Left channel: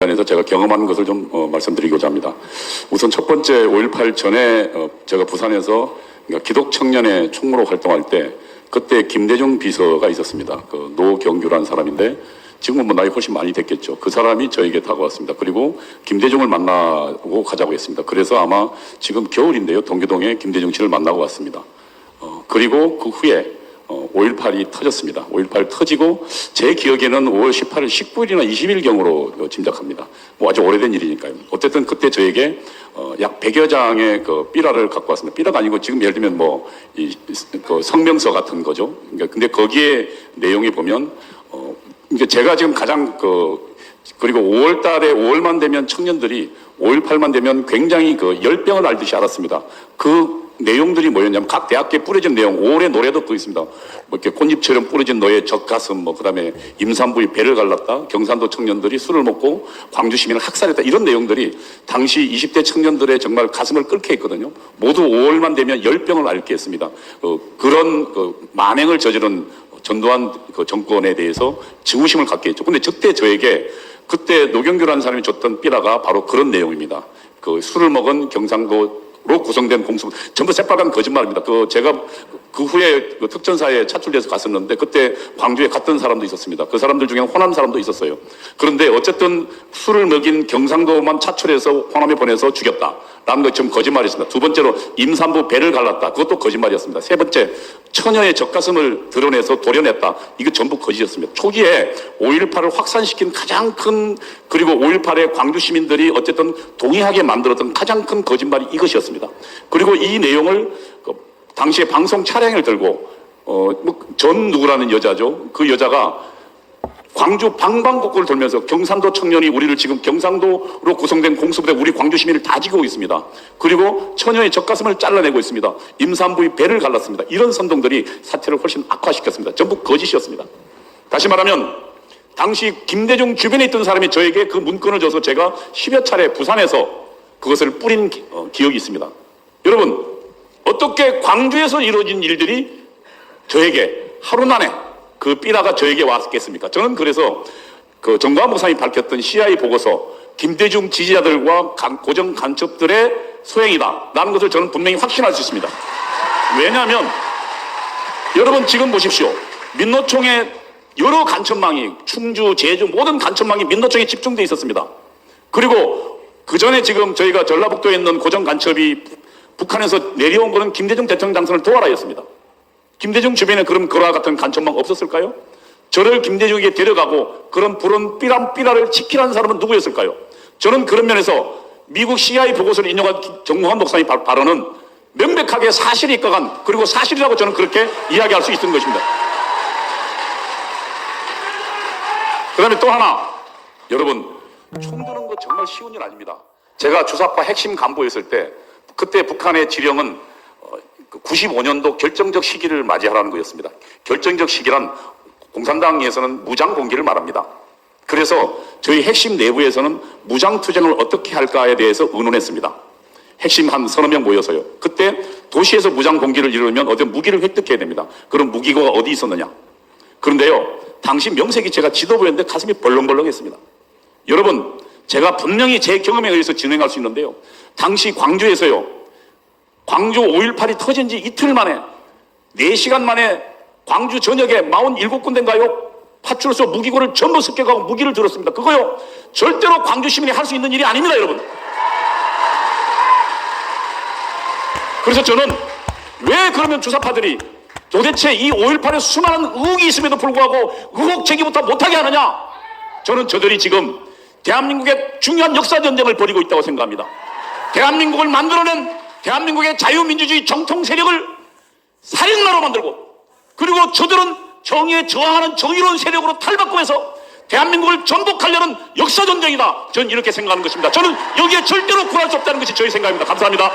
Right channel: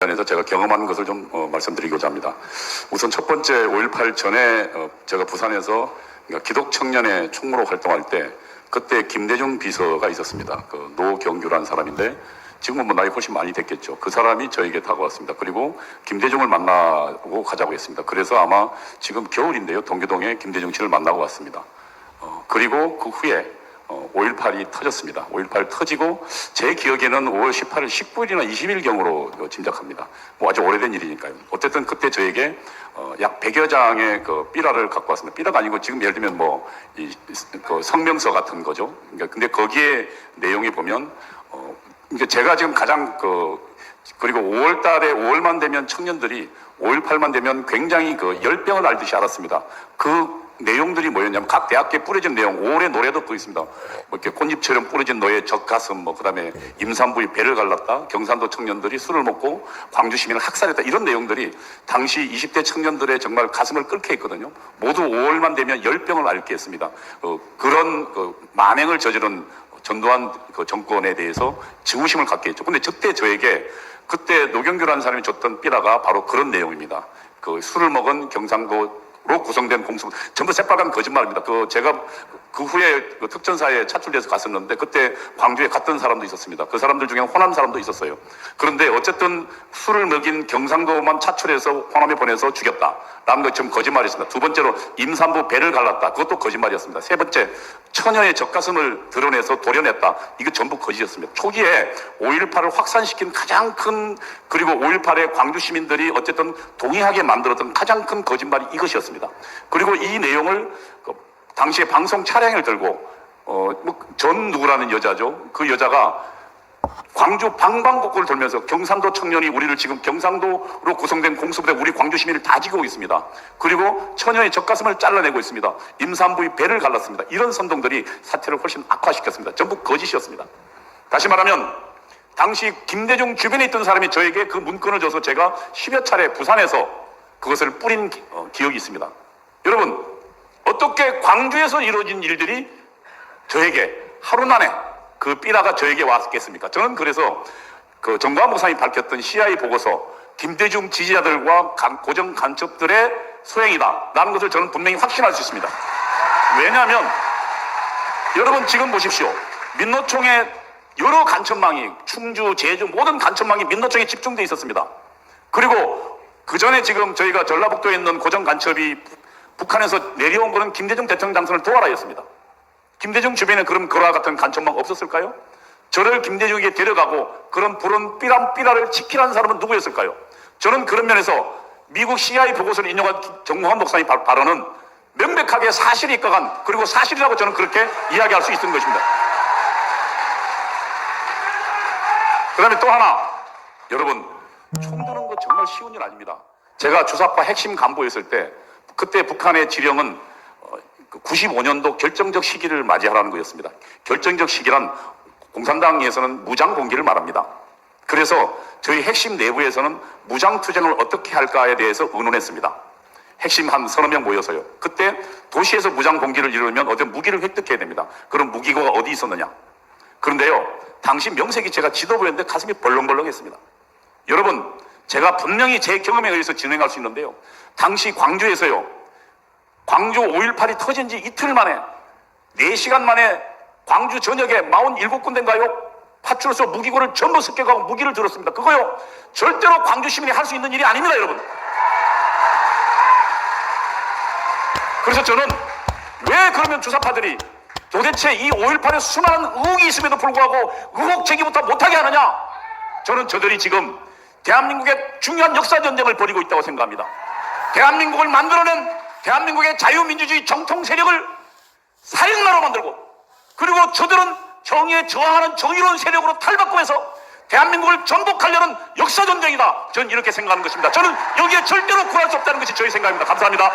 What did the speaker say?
관해서 제가 경험한 것을 좀 어, 말씀드리고자 합니다. 우선 첫 번째 5.18 전에 어, 제가 부산에서 그러니까 기독 청년의 총무로 활동할 때 그때 김대중 비서가 있었습니다. 그 노경규라는 사람인데 지금은 뭐 나이 훨씬 많이 됐겠죠. 그 사람이 저에게 다가왔습니다. 그리고 김대중을 만나고 가자고 했습니다. 그래서 아마 지금 겨울인데요. 동교동에 김대중 씨를 만나고 왔습니다. 어, 그리고 그 후에 어, 5.18이 터졌습니다. 5.18 터지고 제 기억에는 5월 18일, 19일이나 20일경으로 어, 짐작합니다. 뭐 아주 오래된 일이니까요. 어쨌든 그때 저에게 어, 약 100여 장의 그 삐라를 갖고 왔습니다. 삐라가 아니고 지금 예를 들면 뭐 이, 그 성명서 같은 거죠. 그러니까 근데 거기에 내용이 보면 어, 이게 제가 지금 가장 그 그리고 5월 달에 5월만 되면 청년들이 5.18만 되면 굉장히 그 열병을 앓듯이 알았습니다. 그 내용들이 뭐였냐면 각 대학교에 뿌려진 내용, 5월의 노래도 또 있습니다. 뭐 이렇게 꽃잎처럼 뿌려진 너의 젖가슴, 뭐 그다음에 임산부의 배를 갈랐다, 경산도 청년들이 술을 먹고 광주 시민을 학살했다 이런 내용들이 당시 20대 청년들의 정말 가슴을 끓게 했거든요. 모두 5월만 되면 열병을 앓게 했습니다. 어, 그런 그 만행을 저지른 전두환 그 정권에 대해서 증오심을 갖게 했죠. 근데 저때 저에게 그때 노경규라는 사람이 줬던 삐라가 바로 그런 내용입니다. 그 술을 먹은 경상도 로 구성된 공수부 전부 새빨간 거짓말입니다. 그 제가 그 후에 그 특전사에 차출돼서 갔었는데 그때 광주에 갔던 사람도 있었습니다. 그 사람들 중에는 호남 사람도 있었어요. 그런데 어쨌든 술을 먹인 경상도만 차출해서 호남에 보내서 죽였다. 라는 것좀 거짓말이었습니다. 두 번째로 임산부 배를 갈랐다. 그것도 거짓말이었습니다. 세 번째 처녀의 젖가슴을 드러내서 도려냈다. 이거 전부 거짓이었습니다. 초기에 5.18을 확산시킨 가장 큰 그리고 5.18의 광주 시민들이 어쨌든 동의하게 만들었던 가장 큰 거짓말이 이것이었습니다. 그리고 이 내용을 그 당시에 방송 차량을 들고 어뭐전 누구라는 여자죠. 그 여자가 광주 방방곡곡을 돌면서 경상도 청년이 우리를 지금 경상도로 구성된 공수부대 우리 광주 시민을 다 지키고 있습니다. 그리고 처녀의 젖가슴을 잘라내고 있습니다. 임산부의 배를 갈랐습니다. 이런 선동들이 사태를 훨씬 악화시켰습니다. 전부 거짓이었습니다. 다시 말하면 당시 김대중 주변에 있던 사람이 저에게 그 문건을 줘서 제가 10여 차례 부산에서 그것을 뿌린 기, 어, 기억이 있습니다. 여러분 어떻게 광주에서 이루어진 일들이 저에게 하루 만에 그 삐라가 저에게 왔겠습니까? 저는 그래서 그 정광 목사님이 밝혔던 CIA 보고서 김대중 지지자들과 간- 고정 간첩들의 소행이다. 라는 것을 저는 분명히 확신할 수 있습니다. 왜냐하면 여러분 지금 보십시오. 민노총의 여러 간첩망이 충주, 제주 모든 간첩망이 민노총에 집중돼 있었습니다. 그리고 그 전에 지금 저희가 전라북도에 있는 고정 간첩이 북한에서 내려온 거는 김대중 대통령 당선을 도와라였습니다. 김대중 주변에 그런 그와 같은 간첩망 없었을까요? 저를 김대중에게 데려가고 그런 불은 삐람 삐라를 지키라는 사람은 누구였을까요? 저는 그런 면에서 미국 CIA 보고서를 인용한 기- 정무환 목사님 발- 발언은 명백하게 사실이 입각한 그리고 사실이라고 저는 그렇게 이야기할 수 있는 것입니다. 그 다음에 또 하나 여러분 총 드는 거 정말 쉬운 일 아닙니다. 제가 주사파 핵심 간부였을 때 그때 북한의 지령은 95년도 결정적 시기를 맞이하라는 거였습니다. 결정적 시기란 공산당에서는 무장 공개를 말합니다. 그래서 저희 핵심 내부에서는 무장 투쟁을 어떻게 할까에 대해서 의논했습니다. 핵심 한 서너 명 모여서요. 그때 도시에서 무장 공개를 이루면 어떤 무기를 획득해야 됩니다. 그런 무기가 어디 있었느냐? 그런데요, 당시 명색이 제가 지도부였는데 가슴이 벌렁벌렁했습니다. 여러분, 제가 분명히 제 경험에 의해서 진행할 수 있는데요. 당시 광주에서요, 광주 5.18이 터진 지 이틀 만에 4시간 만에 광주 전역에 47군데인가요? 파출소 무기고를 전부 습격하고 무기를 들었습니다. 그거요. 절대로 광주 시민이 할 수 있는 일이 아닙니다, 여러분. 그래서 저는 왜 그러면 주사파들이 도대체 이 5.18에 수많은 의혹이 있음에도 불구하고 의혹 제기부터 못하게 하느냐? 저는 저들이 지금 대한민국의 중요한 역사 전쟁을 벌이고 있다고 생각합니다. 대한민국을 만들어낸 대한민국의 자유민주주의 정통 세력을 살인마로 만들고 그리고 저들은 정의에 저항하는 정의로운 세력으로 탈바꿈해서 대한민국을 전복하려는 역사 전쟁이다. 저는 이렇게 생각하는 것입니다. 저는 여기에 절대로 굴할 수 없다는 것이 저희 생각입니다. 감사합니다.